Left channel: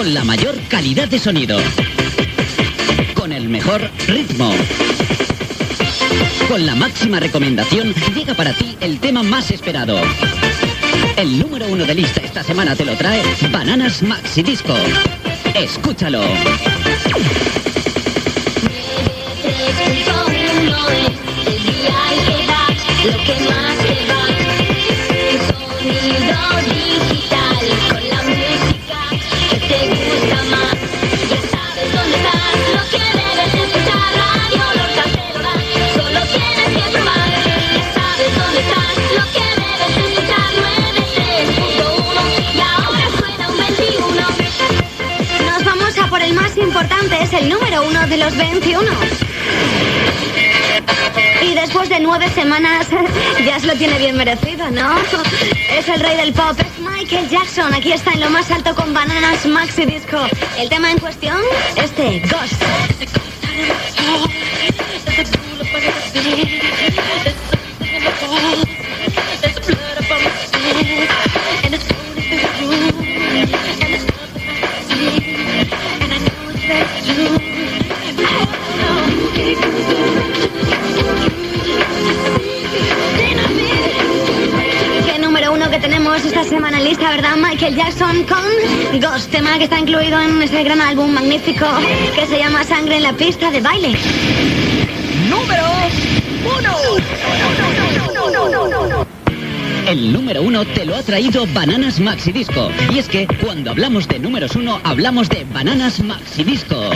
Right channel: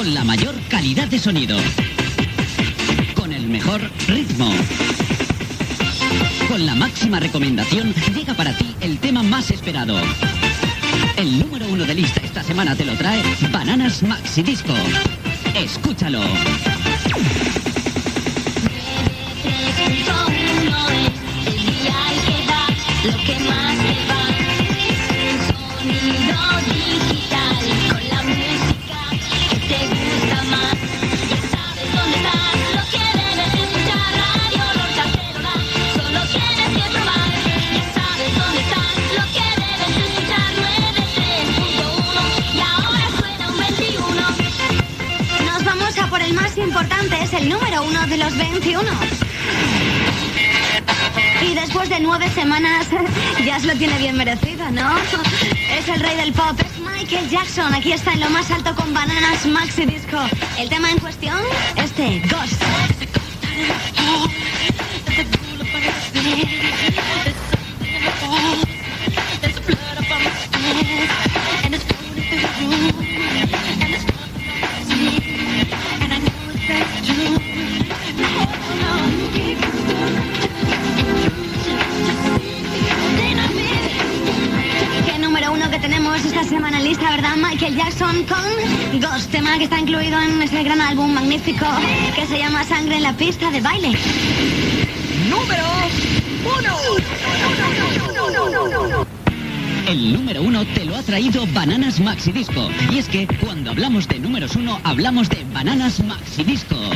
con la mayor calidad de sonido, con el mejor ritmo, con la máxima recomendación, llega para ti el tema más esperado. El número 1 de lista esta semana te lo trae Bananas Maxi Disco. Escúchalo. Lo que más te va, sonido digital, con la música que te gusta más. Ya sabes dónde estás, lo que debes escuchar, Radio Lorca te lo da, solo tienes que probar. Ya sabes dónde estás, lo que debes escuchar, 93.1, la hora suena un 21. Nos vamos a por el más importante, es el número 1 de los 21. Y después de 9 semanas, ya se lo tiene bien merecido, ¿no? Es el rey del pop, es Michael Jackson. Aquí está en lo más alto con Bananas Maxi Disco. El tema en cuestión, Ghost. Esta semana en lista, ¿verdad? Michael Jackson con Ghost, tema que está incluido en ese gran álbum magnífico que se llama Sangre en la pista de baile. Número 1. El número 1 te lo ha traído Bananas Maxi Disco. Y es que cuando hablamos de números 1, hablamos de Bananas Maxi Disco.